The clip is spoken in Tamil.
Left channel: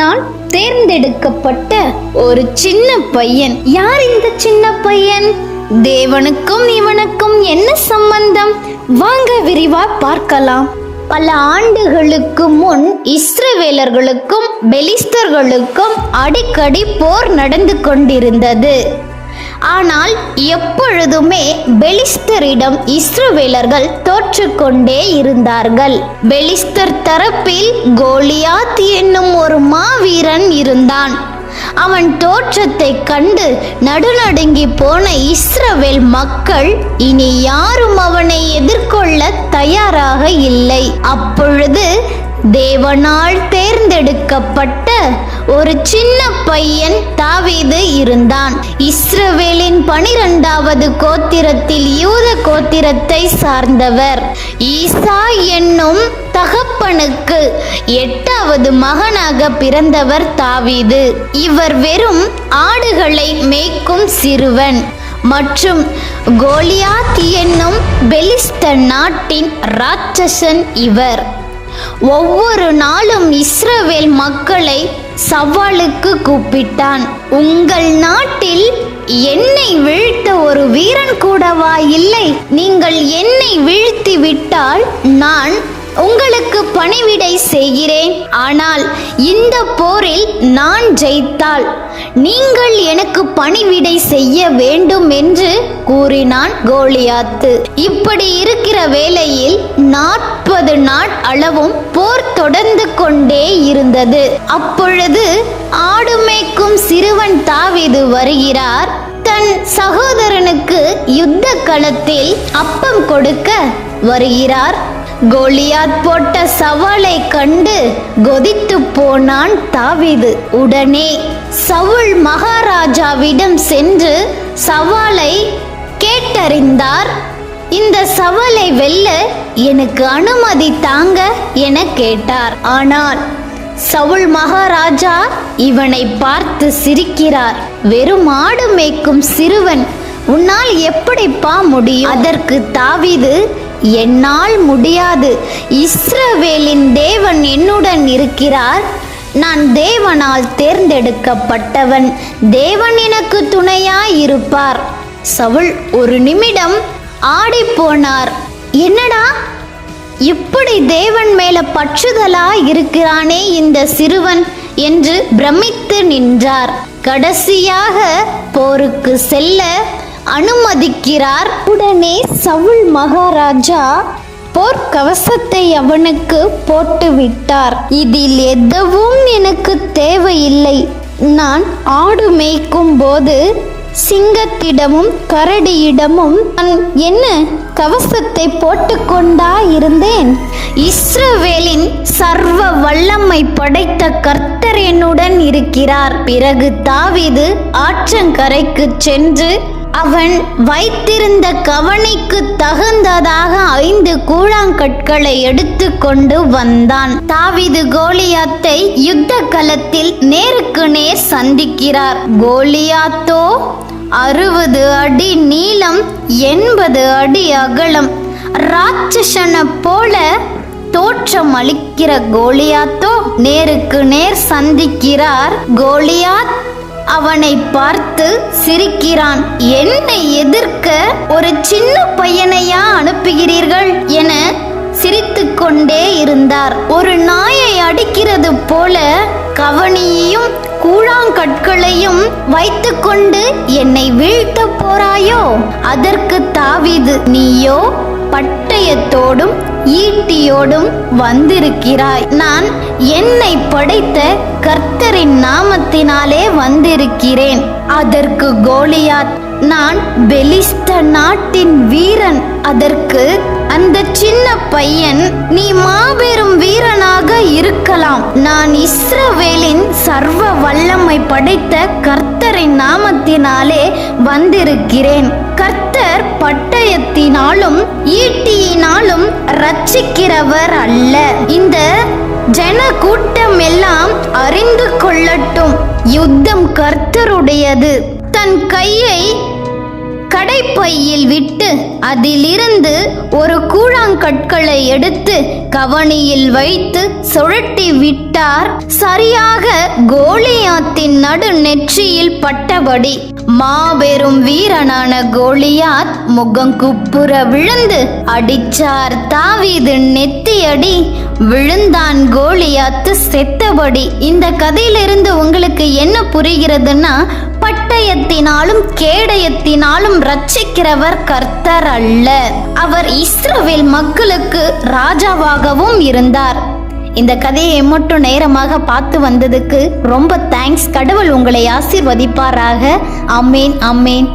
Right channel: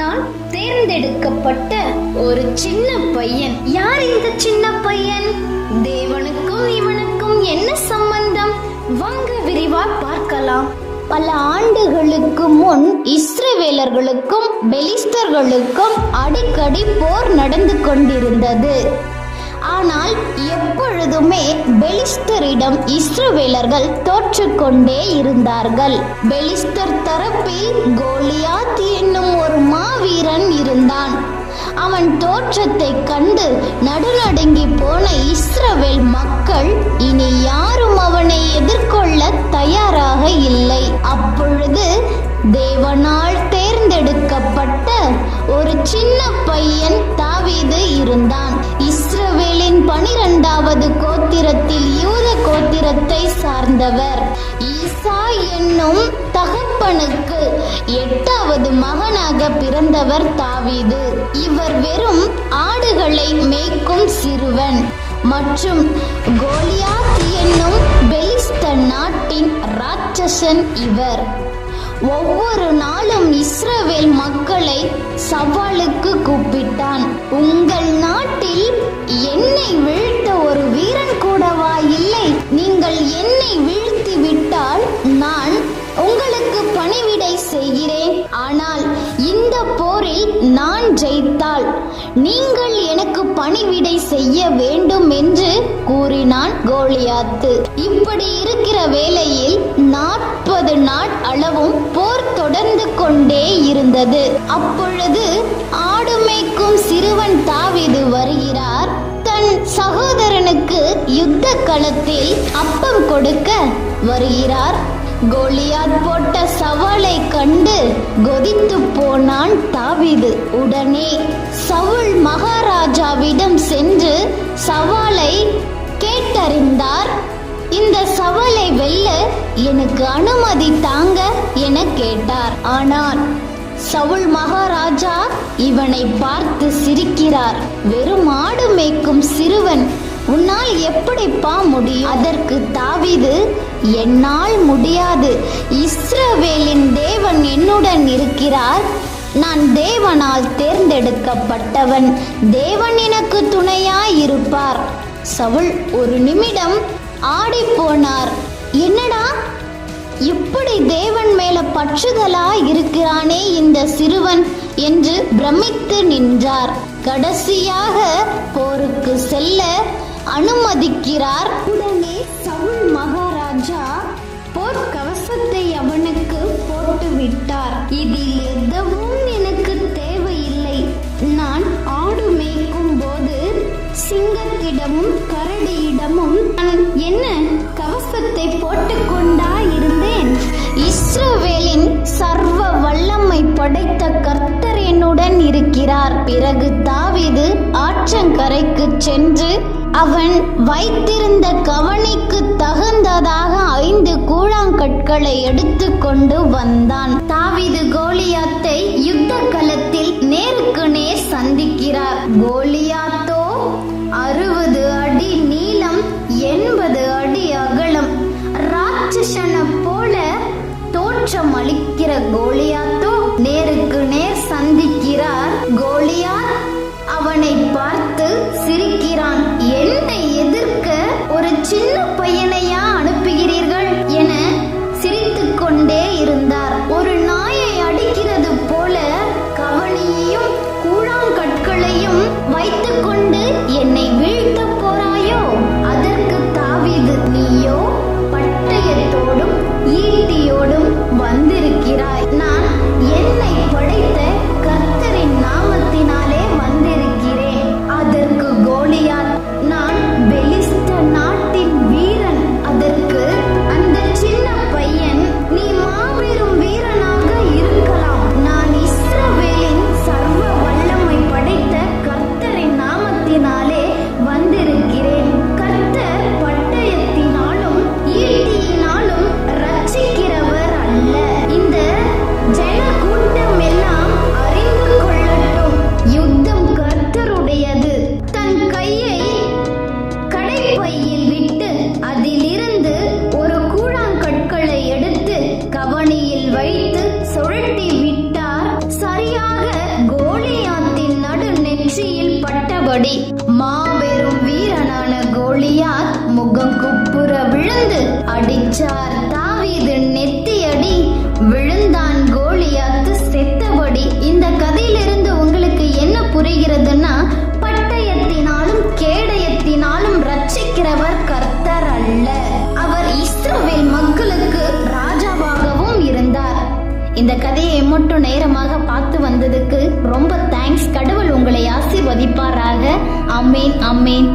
தேவனால் தேர்ந்தெடுக்கப்பட்ட ஒரு சின்ன பையன். யார் இந்த சின்ன பையன்? தேவனுக்கும் இவனுக்கும் என்ன சம்பந்தம்? வாங்க விரிவா பார்க்கலாம். பல ஆண்டுகளுக்கு முன் இஸ்ரவேலர்களுக்கும் பெலிஸ்தர்களுக்கும் அடிக்கடி போர் நடந்து கொண்டிருந்தது. ஆனால் எப்பொழுதுமே பெலிஸ்தரிடம் இஸ்ரவேலர்கள் தோற்றுக்கொண்டே இருந்தார்கள். பெலிஸ்தர் தரப்பில் கோலியாத் என்னும் ஒரு மாவீரன் இருந்தான். அவன் தோற்றத்தை கண்டு நடுநடுங்கி போன இஸ்ரவேல் மக்கள் இனி யாரும் அவனை எதிர்கொள்ள தயாராக இல்லை. அப்பொழுது தேவனால் தேர்ந்தெடுக்கப்பட்ட ஒரு சின்ன பையன் தாவீது இருந்தான். இஸ்ர பனிரெண்டாவது கோத்திரத்தில் யூத கோத்திரத்தை சார்ந்தவர். ஈசா என்னும் தகப்பனுக்கு எட்டாவது மகனாக பிறந்தவர் தாவீது. இவர் வெறும் ஆடுகளை மேய்க்கும் சிறுவன். மற்றும் கோலியாத் என்னும் பெலிஸ்த நாட்டின் ராட்சசன் இவர். ஒவ்வொரு நாளும் இஸ்ரவேல் மக்களை சவாலுக்கு கூப்பிட்டான். உங்கள் நாட்டில் பணிவிடை செய்கிறேன். ஆனால் இந்த போரில் நான் ஜெயித்தால் நீங்கள் எனக்கு பணிவிடை செய்ய வேண்டும் என்று கூறினான் கோலியாத்து. இப்படி இருக்கிற வேளையில் நாற்பது நாள் அளவும் போர் தொடர்ந்து கொண்டே இருந்தது. அப்பொழுது ஆடு மேய்க்கும் சிறுவன் தாவிது வருகிறார். தன் சகோதரனுக்கு யுத்த களத்தில் அப்பம் கொடுக்க வருகிறார். கோலியாத் போட்ட சவாலை கண்டு கொதித்து போனான் தாவிது. உடனே சவுல் மகாராஜாவிடம் சென்று சவாலை கேட்டறிந்தார். இந்த சவாலை வெல்ல எனக்கு அனுமதி தாங்க என கேட்டார். ஆனால் சவுல் மகாராஜா இவனை பார்த்து சிரிக்கிறார். வெறும் ஆடு மேய்க்கும் சிறுவன் உன்னால் எப்படிப்பா முடியும்? அதற்கு தாவிது என்னால் முடியாது. இஸ்ரவேலின் தேவன் என்னுடன் இருக்கிறார். நான் தேவனால் தேர்ந்தெடுக்கப்பட்டவன். தேவன் எனக்கு துணையாய் இருப்பார். சவுல் ஒரு நிமிடம் ஆடி போனார். என்னடா? இப்படி தேவன் மேல பற்றுதலா இருக்கிறானே இந்த சிறுவன் என்று பிரமித்து நின்றார். கடைசியாக போருக்கு செல்ல அனுமதிக்கிறார். உடனே சவுல் மகாராஜா போர்க்கவசத்தை அவனுக்கு போட்டுவிட்டார். இதில் எதுவும் எனக்கு தேவையில்லை. நான் ஆடு மேய்க்கும் போது சிங்கத்திடமும் கரடியிடமும் நான் என்ன கவசத்தை போட்டுக்கொண்டா இருந்தேன்? இஸ்ரவேலின் சர்வ வல்லமை படைத்த கர்த்தர் என்னுடன் இருக்கிறார். பிறகு தாவிது ஆற்றங்கரைக்கு சென்று அவன் வைத்திருந்த கவனிக்கு தகுந்ததாக ஐந்து கூழாங்கற்களை எடுத்து கொண்டு வந்தான். தாவிது கோலியாத்தை யுத்த களத்தில் நேருக்கு நேர் சந்திக்கிறார். கோலியாத்தோ அறுபது அடி நீளம் எண்பது அடி அகலம் ராட்சசனை போல தோற்றம் அளிக்கிற கோலியாத்தோ நேருக்கு நேர் சந்திக்கிறார். கோலியா அவனை பார்த்து சிரிக்கிறான் என்னை எதிர்க்க ஒரு சின்ன பையனையா அனுப்புகிறீர்கள்? என சிரித்துக்கொண்டே இருந்தார். ஒரு நாயை அடிக்கிறது போல கவனியையும் கூழாங்கற்களையும் வைத்துக்கொண்டு என்னை வீழ்த்த போறாயோ? அதற்கு தாவிது நீயோ பட்டை ஈட்டியோடும் வந்திருக்கிறாய். நான் என்னை படைத்த கர்த்தரின் நாமத்தினாலே வந்திருக்கிறேன். அதற்கு கோலியாத் நான் பெலிஸ்த நாட்டின் வீரன். அதற்கு அந்த சின்ன பையன் நீ மாபெரும் வீரனாக இருக்கலாம். நான் இஸ்ரவேலின் சர்வ வல்லமை படைத்த கர்த்தரின் நாமத்தினாலே வந்திருக்கிறேன். ஜன கூட்டம் எல்லாம் அறிந்து கொள்ளட்டும். யுத்தம் கர்த்தருடையது. தன் கையை கடைப்பையில் விட்டு அதிலிருந்து கற்களை எடுத்து கவனியில் வைத்து சுழட்டி விட்டார். சரியாக கோலியாத்தின் நடு நெற்றியில் பட்டபடி மாபெரும் வீரனான கோலியாத் முகம் குப்புற விழுந்து அடிச்சார். தாவீது நெத்தியடி விழுந்தான் கோலியாத்து செத்தபடி. இந்த கதையிலிருந்து உங்களுக்கு என்ன புரிகிறதுன்னா பட்டயத்தினாலும் கேடயத்தினாலும் ரட்சிக்கிறவர் கர்த்தர் அல்ல. அவர் இஸ்ரவேல் மக்களுக்கு ராஜாவாகவும் இருந்தார். இந்த கதையை மட்டும் நேரமாக பார்த்து வந்ததுக்கு ரொம்ப தேங்க்ஸ் கடவுள் உங்களை ஆசிர்வதிப்பாராக. Amen amen